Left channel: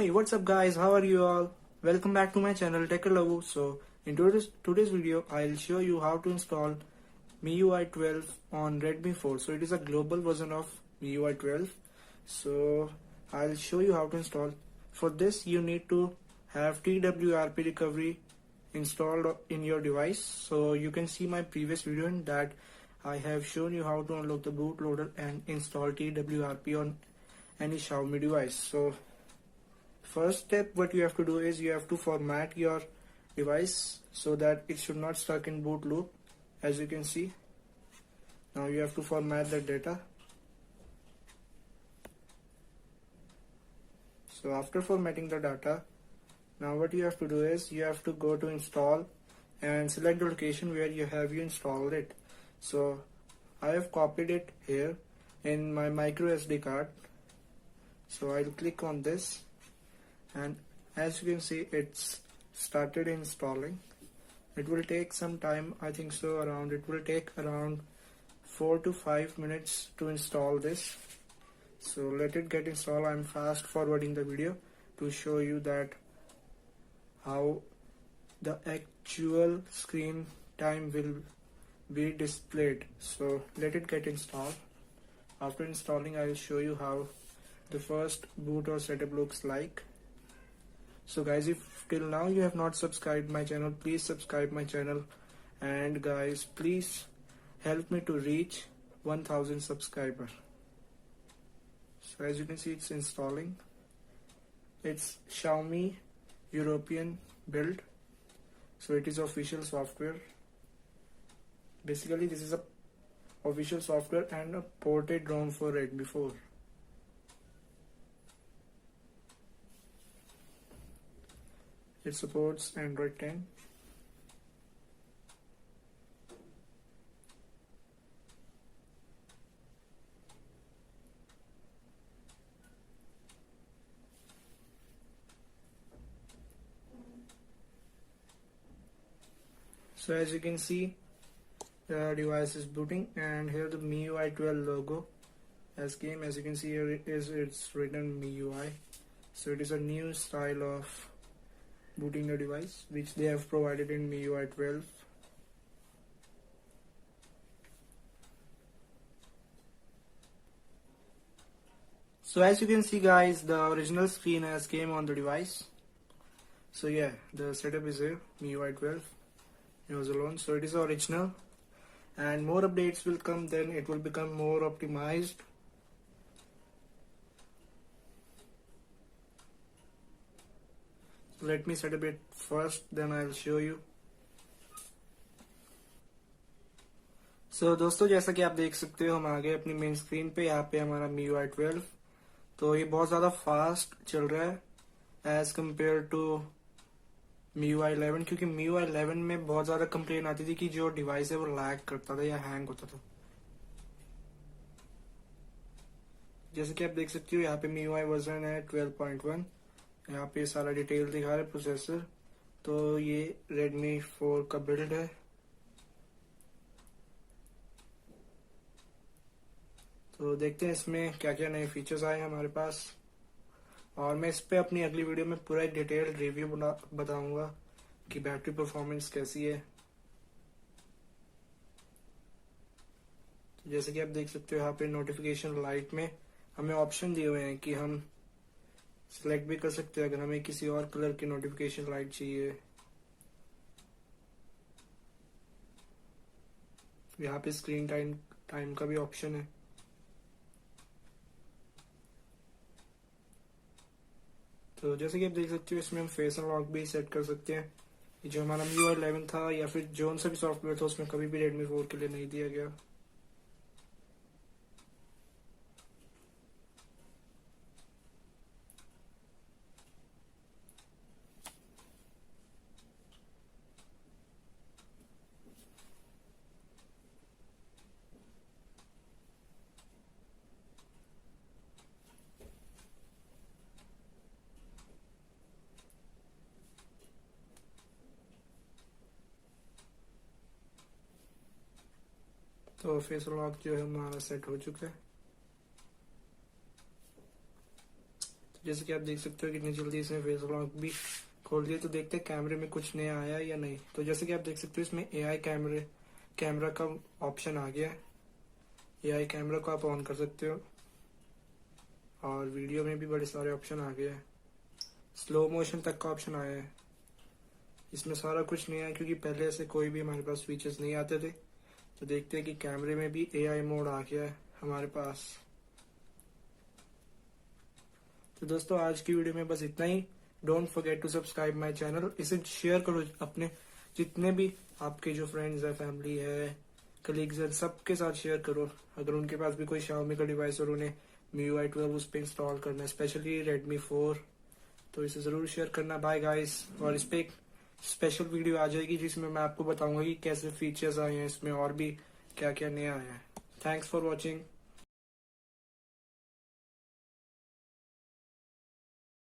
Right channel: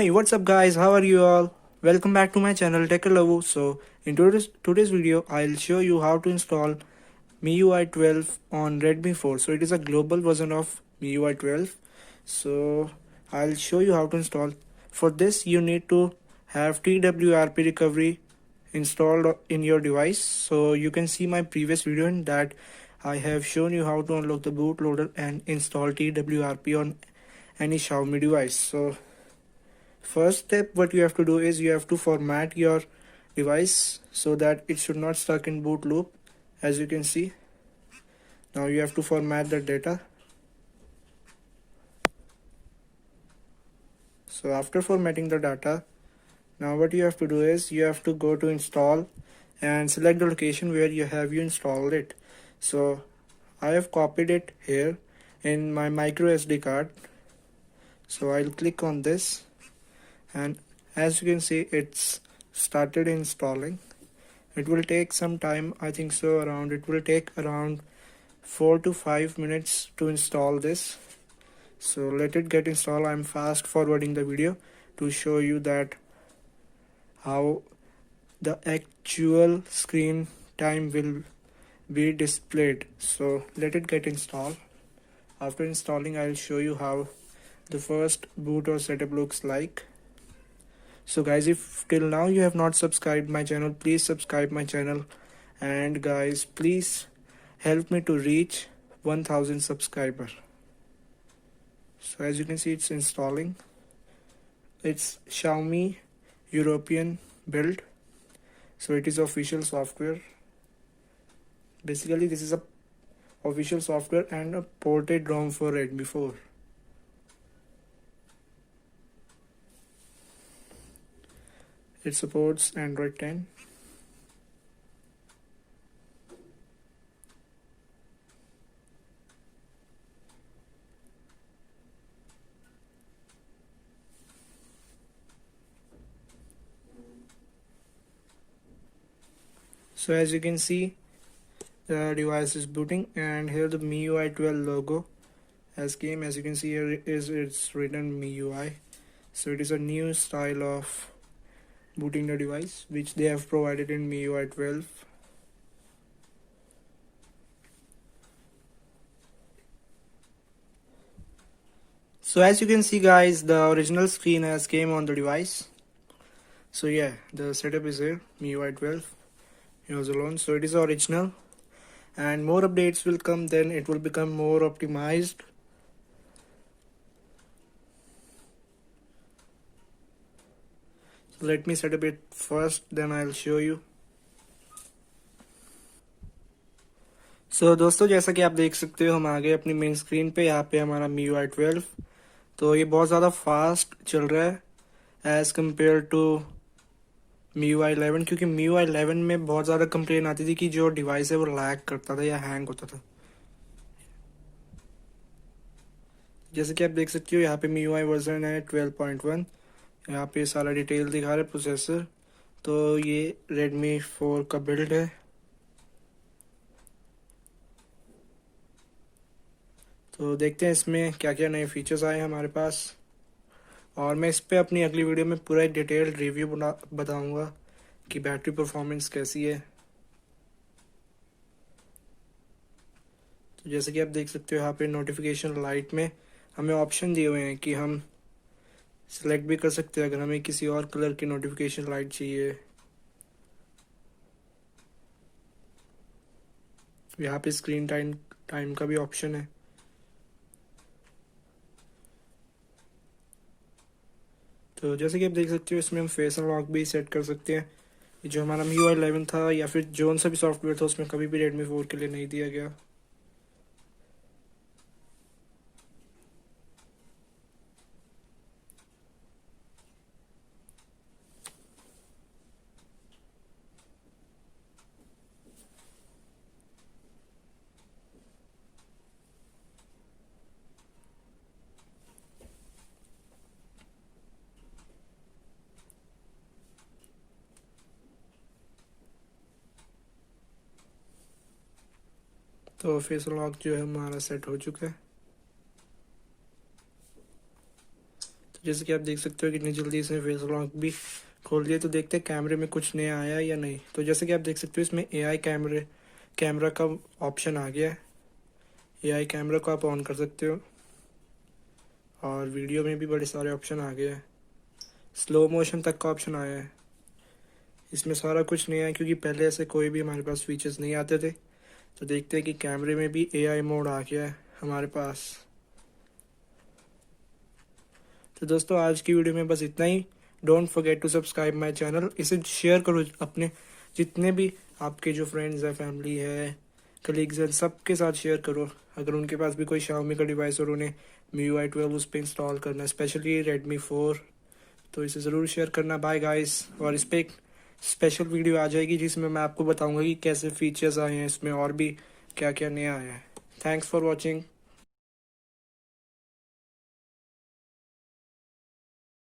Hey, what's up guys? How are you all? Welcome back to my channel Tech. So in today's video, I'll show you how to install MIUI 12 on Redmi 4. So it is a global version of MIUI 12. So I'll show you how to install. For this, you need to have TWRP recovery installed in your device. So you can see my previous video in that I have shown you how to unlock the bootloader and install TWRP on any Xiaomi device. So first step, what you have to do is you have to format your device so that it should not stuck in boot loop. As you can see, now you have to format the data. So after formatting the data, now what you have to do is you have to go to install and select the location where you installed it. So I have copied it here in my micro SD card. So I'll click on this, and as you can see, it's started installing. It will take some time. I think so it will take around 4 to 5 minutes to install this. So let it get installed. I'm fast forwarding the video to show you that how the actual screen time will be displayed. So let it get installed. After installing, I'll show you how the first boot or setup looks like. So guys, if till now you have not subscribed my channel, please subscribe my channel, and guys, please help me to reach 1000 subscribers. So as you can see, it's installing. It's Xiaomi European build, so it is official software. Basically this is a official software and a ported ROM for Redmi 4. It supports Android 10. So as you can see, the device is booting, and here the MIUI 12 logo has came. As you can see here, it's written MIUI. So it is a new style of booting the device which they have provided in MIUI 12. So as you can see guys, the original screen has came on the device. So yeah, the setup is here, MIUI 12. It was alone, so it is original, and more updates will come, then it will become more optimized. So let me set up it first, then I'll show you. So दोस्तों, जैसा कि आप देख सकते हो, हम आ गए अपनी मेन स्क्रीन पे। यहाँ पे हमारा MIUI 12, तो ये बहुत ज़्यादा फास्ट चल रहा है एज़ कम्पेयर टू MIUI 11, क्योंकि MIUI 11 में बहुत ज़्यादा कंप्लेन आती थी कि जो डिवाइस है वो लैग करता था या हैंग होता था। जैसे कि आप देख सकते हो, यहाँ पे MIUI वर्जन है 12.1। यहाँ पे सारा डिटेल दिखा रहा है प्रोसेसर। तो ये Redmi 4 का बिल्ड है। तो देखते हैं इसमें क्या क्या नए फीचर्स आए हमारे पास, और मैं इस पे अपनी अगली वीडियो में पूरा डिटेल्ड रिव्यू बताऊंगा कि बैटरी परफॉर्मेंस कैसी है। तो जैसे कि आप देख सकते हो, यहाँ पे नोटिफिकेशन लाइट में हमें ऑप्शन दिए हुए हैं कि हम सिलेक्ट भी कर सकते हैं अगर हमें किसी और कलर की नोटिफिकेशन लाइट चाहिए। यहाँ पे स्क्रीन टाइम का भी ऑप्शन है। तो जैसे कि आप देख सकते हो, इसमें हम फेस अनलॉक भी सेट कर सकते हैं। जो हमारा MIUI 11 था या फिर जो सा भी सॉफ्टवेयर था, उसमें कभी भी Redmi 4 के लिए नहीं दिया गया। तो फेस अनलॉक जो है हमारा सेट हो चुका है। तो जैसे कि आप देख सकते हो कितनी जल्दी इसने फेस लॉक भी खोल दिया। तो देखते हैं कैमरे में कुछ नया आया है या नहीं। तो जैसे कि आप देख सकते हो इसमें एआई कैमरा का ऑप्शन आ गया है। एआई कैमरा को आप ऑन कर सकते हो और वीडियो में भी बड़े सारे ऑप्शन आ गए हैं। स्लो मोशन तक का ऑप्शन आया है। इसमें सारा कुछ नया है क्योंकि पहले ऐसे कोई भी हमारे पास फीचर्स नहीं आते थे। तो देखते हैं कि कैमरे में भी एआई मोड आ गया है हमारे पास। तो दोस्तों आज की वीडियो में बस इतना ही। Don't forget to subscribe my channel. इसे शेयर करो अपने जितने भी आपके जो फ्रेंड्स हैं, फैमिली है, कलीग्स हैं, सबके साथ शेयर करो। अगर उनके पास भी कोई Xiaomi का डिवाइस और उन्हें MIUI 12 उस पर इंस्टॉल करना है, स्पेशली Redmi 4, तो इसे ज़रूर शेयर करना। Bye guys. और इस पर एक स्पेशल वीडियो आ जाएगी जिसमें मैं आपको बताऊंगा कि कैसे फीचर्स आए हैं इसमें और भी क्या क्या नया आया है। Thanks for watching.